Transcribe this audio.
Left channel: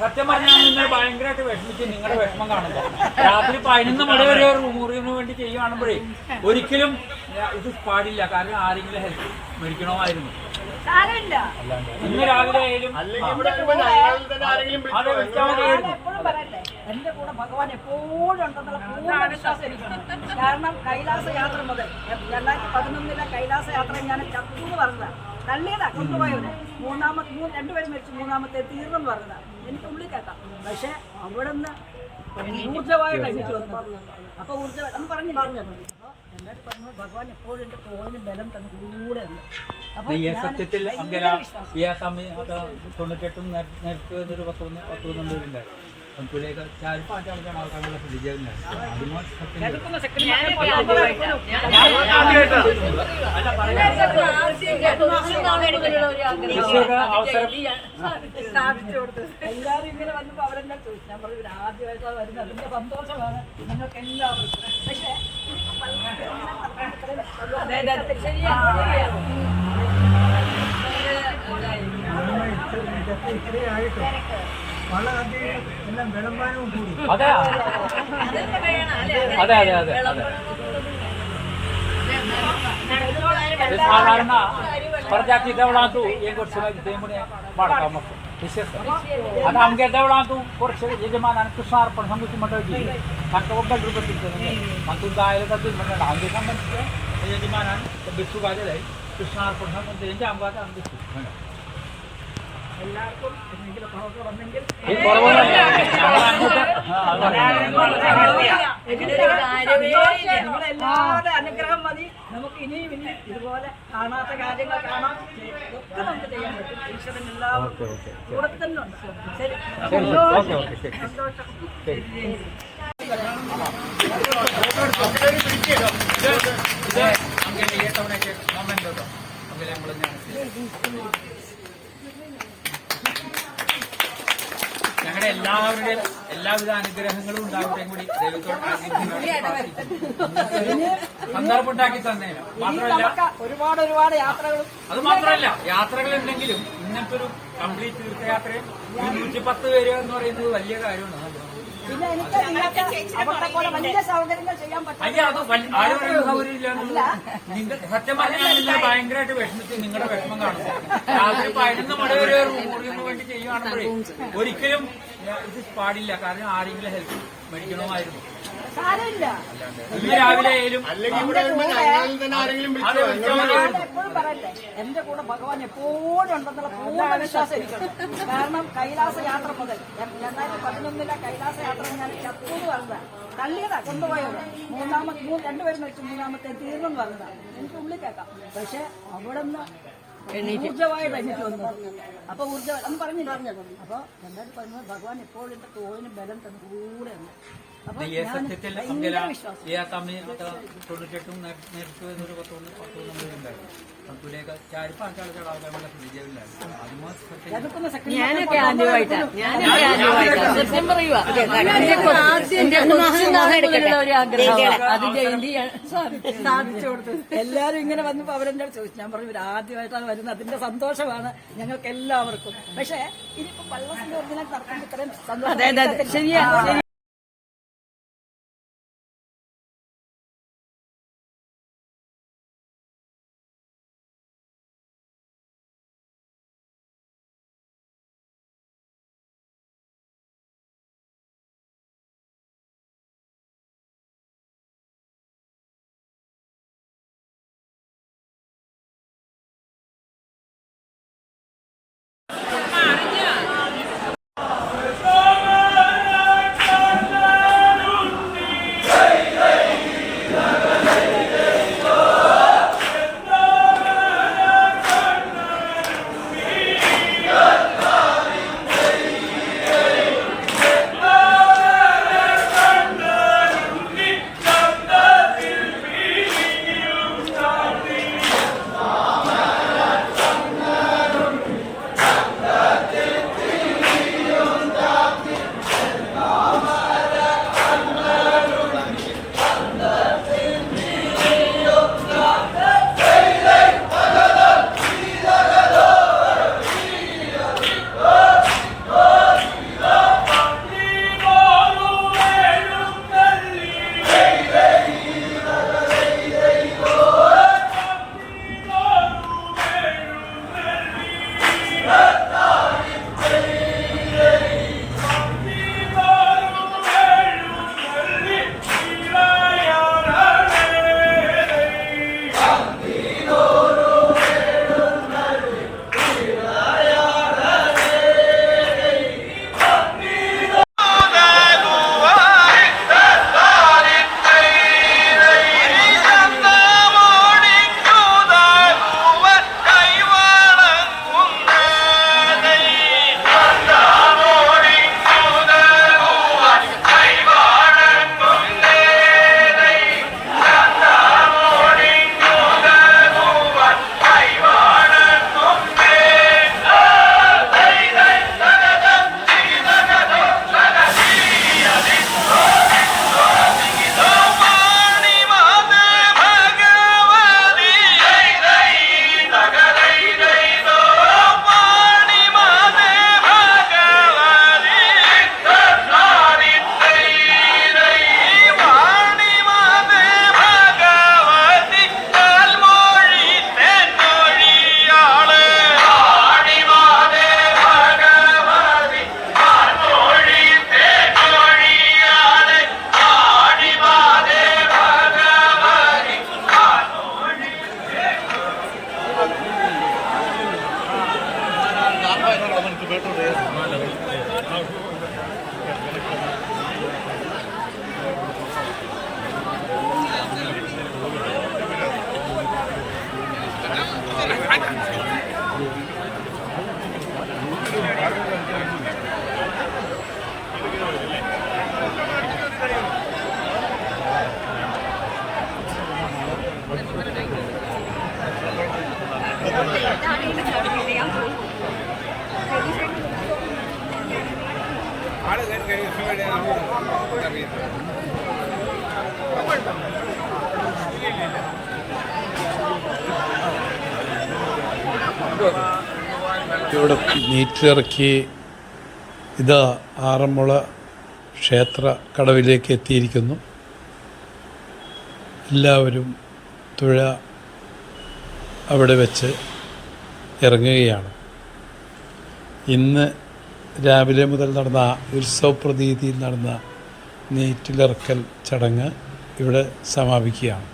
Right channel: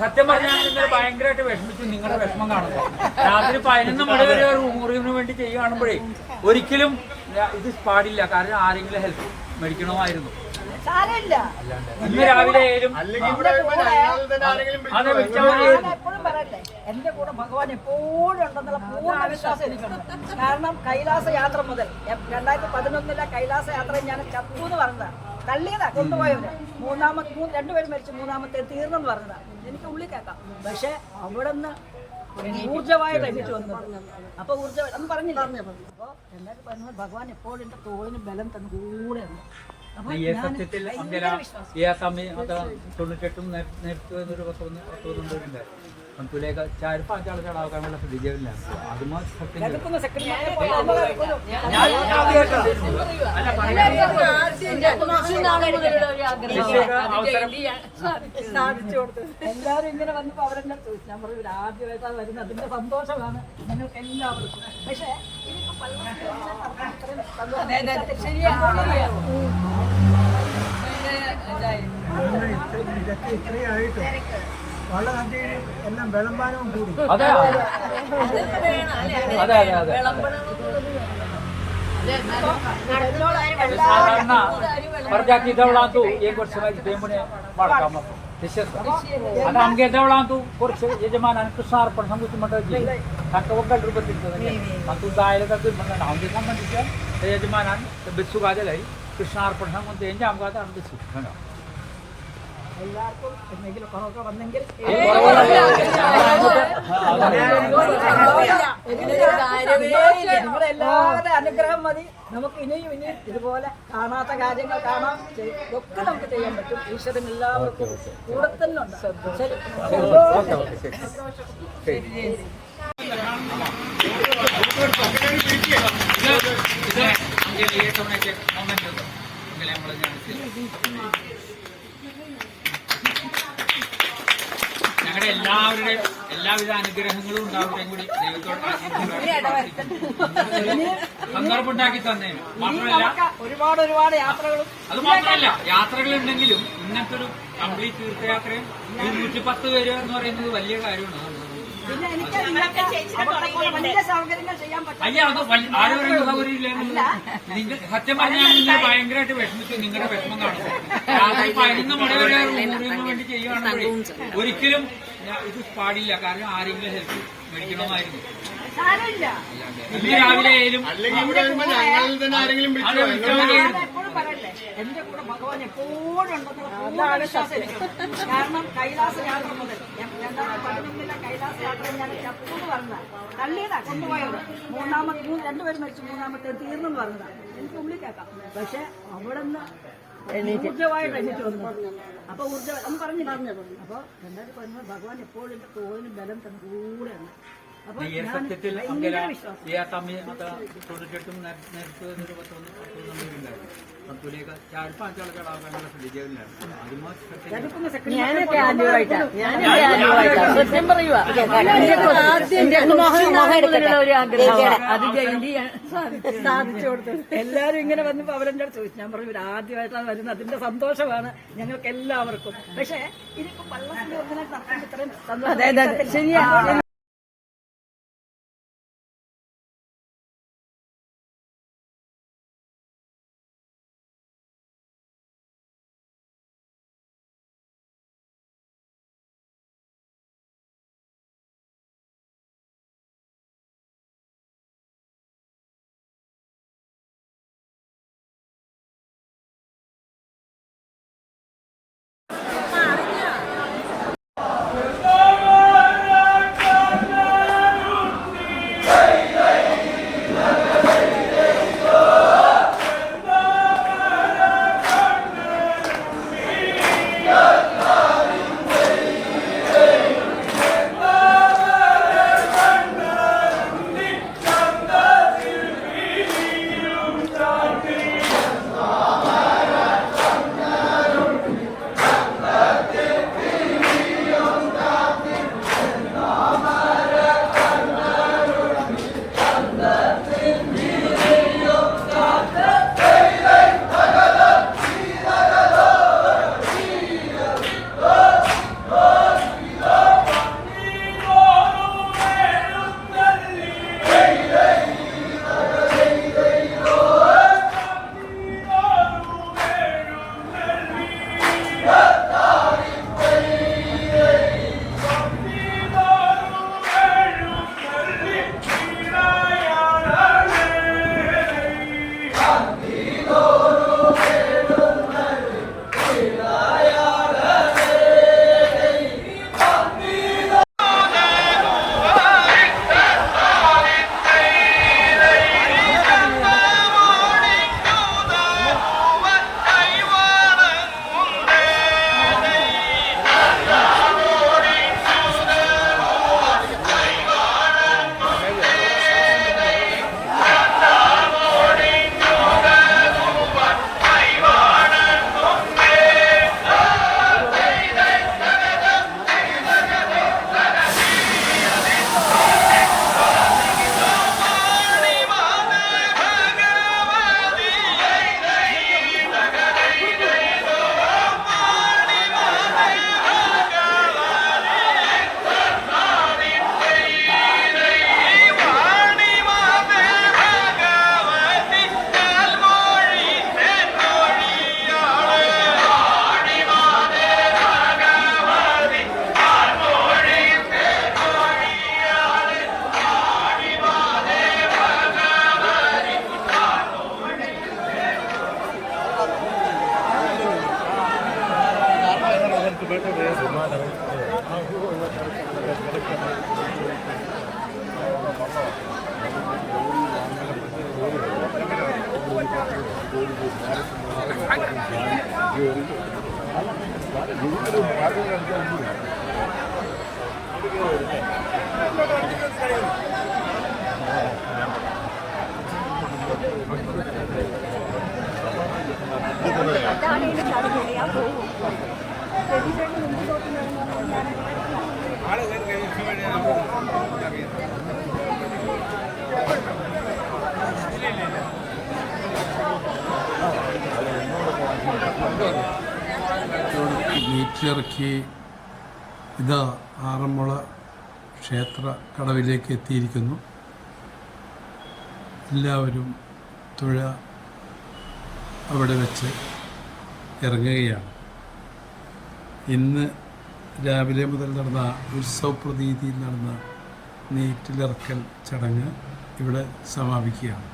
സത്യം പറഞ്ഞാൽ നിങ്ങൾ ഭയങ്കരമായിട്ട് വിഷമിച്ച് നിങ്ങളുടെ വിഷമം കാണുന്നത് രാത്രി പതിനൊന്ന് മണി വരെ റൂറിന് വേണ്ടി ചെയ്യുകയാണുമ്പോഴേ ഒരിക്കലും ഇത് പാടില്ല. കാരണം ആരെങ്കിലും ഹെൽപ്പ് മേടിക്കണമായിരുന്നു. ഇന്ന് രാവിലെ ആയാലും എന്റെ കൂടെ ഭഗവാൻ എപ്പോഴും ഉണ്ടെന്നുള്ള പൂർണ വിശ്വാസം എനിക്കുണ്ട്. കാരണം കൈലാസ യാത്ര മുതൽ രണ്ടായിരത്തി പതിനൊന്നിലെ കൈലാസ യാത്ര ഞാൻ ചത്തു എന്ന് പറഞ്ഞതാ തള്ളിയതാ കൊണ്ടുപോയവര് മൂന്നാമത്തെ മൂന്ന് രണ്ടുപേരും മരിച്ചു മൂന്നാമത്തെ തീർന്നെന്ന് പറഞ്ഞതാ. എനിക്ക് ഉള്ളിൽ കേൾക്കാം. പക്ഷെ അവിടെ നിന്ന് ഊർജമായ കഴിഞ്ഞിട്ട് വന്നത്. അപ്പൊ ഊർജം പറഞ്ഞില്ല. അപ്പൊ എന്നിട്ട് പറഞ്ഞു ഭഗവാൻ എപ്പോഴും എന്റെ തോളിന് ബലം തന്നെ കൂടെ ഉണ്ട്. അപ്പൊ ഈ സത്യത്തിൽ വിശ്വാസം. തൊണ്ണൂറ്റെട്ടും നേരത്തെ ഒരു പത്ത് ഒന്ന് പത്ത് പന്ത്രണ്ട് അതുമാ ഞാൻ കൊടുത്തു എല്ലാവരും ഇങ്ങനെ വന്നപ്പോ അവരെല്ലാം ചോദിച്ചു ഞാൻ പറഞ്ഞു ആദ്യമായിട്ടാണ് വരുന്നത് അതിന്റെ സന്തോഷമാണ് ഞങ്ങൾക്ക് എല്ലാവർക്കും പക്ഷേ ഇനിയിപ്പോ പള്ളിയിൽ എല്ലാം വിളമ്പാനവും കൂടി. അതെ. അതെ അതെ પ્રજાતિ દવડાતું એક વર્ષ સિવાય તેમણે બાળકામાં વિશેષ અને અમગે દવડાતું વર્ષ યજમાન અને કૃષ્ણાર્પણ સમૃદ્ધિ મંડળ જી આટલો વગર રૂપિયા માતું ગાયેલ હતું અમગે કામ પણ યજમાન અને બિસુ ગાજે લઈ કૃષ્ણાર્પણ સમૃદ્ધિ એમ જ અમગાતા અને બિસુ എല്ലാവർക്കും എന്തെങ്കിലും കുറവൊക്കെ വന്നെങ്കിൽ നിങ്ങളുടെ എല്ലാവരുടെ അനുഗ്രഹം മതി നമുക്ക് ഇനിയും ഇനിയും ഇതുപോലെ കാണാത്ത കാര്യങ്ങൾ കാണാം ഒക്കെ നമുക്ക് ചെയ്യാൻ പറ്റും ഈശ്വരൻ എല്ലാവർക്കും കൂടെ തന്നെ ഉണ്ട് ശരി ഓക്കെ ഓക്കെ ശരി സന്തോഷം മൊമെന്റ് അങ്ങനെ നമ്മൾ ഞങ്ങളുടെ എല്ലാവരുടെയും എല്ലാവിധ അനുഗ്രഹങ്ങളും ഉണ്ടാവുകയും കൂടി ദൈവത്തോട് സന്ദർഭം ഉണ്ടാക്കി തന്നെ. മാത്രമല്ല ഒരുപാട് ഒരുപാട് യാത്രകളും അത് മാത്രമല്ല യാത്രകളുണ്ടെങ്കിലും ഇങ്ങനത്തെ ഒരു കംപ്ലീറ്റ് തീർത്ഥയാത്രയും നൂറ്റി പത്ത് പേര് എന്ന് പറയുന്നത് വലിയ കാര്യമാണ്. പിന്നെ എനിക്ക് നിങ്ങൾക്ക് വലിയ സൗകര്യങ്ങൾ ചെയ്യാൻ പറ്റും. അയ്യ അത് വൽ- ആരും പറയുന്ന സൗകര്യമില്ല നിങ്ങൾ സത്യം പറഞ്ഞാൽ നിങ്ങൾ ഭയങ്കരമായിട്ട് വിഷമിച്ച് നിങ്ങളുടെ വിഷമം കാണുന്നു രാത്രി പതിനൊന്ന് മണി വരെ റൂറിന് വേണ്ടി ചെയ്യുകയാണെങ്കിലേ ഒരിക്കലും ഇത് പാടില്ല. കാരണം ആരെങ്കിലും ഹെൽപ്പ് മേടിക്കണമായിരുന്നു. ഇന്ന് രാവിലെ ആയാലും എപ്പോഴും പറയട്ടെ എന്റെ കൂടെ ഭഗവാൻ എപ്പോഴും ഉണ്ടെന്നുള്ള പൂർണ വിശ്വാസം എനിക്കുണ്ട് കാരണം കൈലാസ യാത്ര മുതൽ രണ്ടായിരത്തി പതിനൊന്നിലെ കൈലാസ യാത്ര ഞാൻ ചത്തു പറഞ്ഞതാണ് പറഞ്ഞതാ. തള്ളിയതാ കൊണ്ടുപോയത്. മൂന്നാമത്തെ മൂന്ന് രണ്ടുപേരും മരിച്ചു. മൂന്നാമത്തെ തീർന്നെന്ന് പറഞ്ഞതാ. എനിക്ക് ഉള്ളിൽ കേൾക്കാം. പക്ഷെ അവിടെ നിന്ന് ഊർജമായ കഴിഞ്ഞിട്ട് വന്നു. അപ്പൊ ഊർജ അന്ന് പറഞ്ഞില്ല? അപ്പൊ രണ്ടായിരത്തി പതിമൂന്ന് ഭഗവാൻ എപ്പോഴും തോളിന് ബലം തന്നെ കൂടെ ഈ സത്യത്തിൽ വിശ്വാസം. ഈ സമയം അത് തൊണ്ണൂറ്റെട്ടും നേരത്തെ ഒരു പത്തൊന്ന് എല്ലാരും ഇങ്ങനെ വന്നപ്പോ അവരെന്നോട് ചോദിച്ചു? ഞാൻ പറഞ്ഞു "ഇവർ ആദ്യമായിട്ടാണ് വരുന്നത്. അതിന്റെ സന്തോഷമാണ് ഞങ്ങൾക്ക് എല്ലാവർക്കും പക്ഷേ ഇതിപ്പോ പള്ളത്തിന്റെ ഇത്രയും അതെ coberta mesmo. ഇവിടെ നീറ്റിലിറക്കി ഇത് ആറന്മുള ക്ഷേത്ര കടവിലേക്ക് എത്തിയിരിക്കുന്നു. എല്ലാവരും തുഴ അവിടെ വെച്ച് ഇറങ്ങുകയാണ്. ഇന്ന് രാവിലെ മുതൽ നടന്ന ഉത്സവ പ്രതീതിയിൽ നടന്ന നീറ്റിലിറക്കൽ ചടങ്ങ് ഇവിടെ സമാപിക്കുകയാണ്.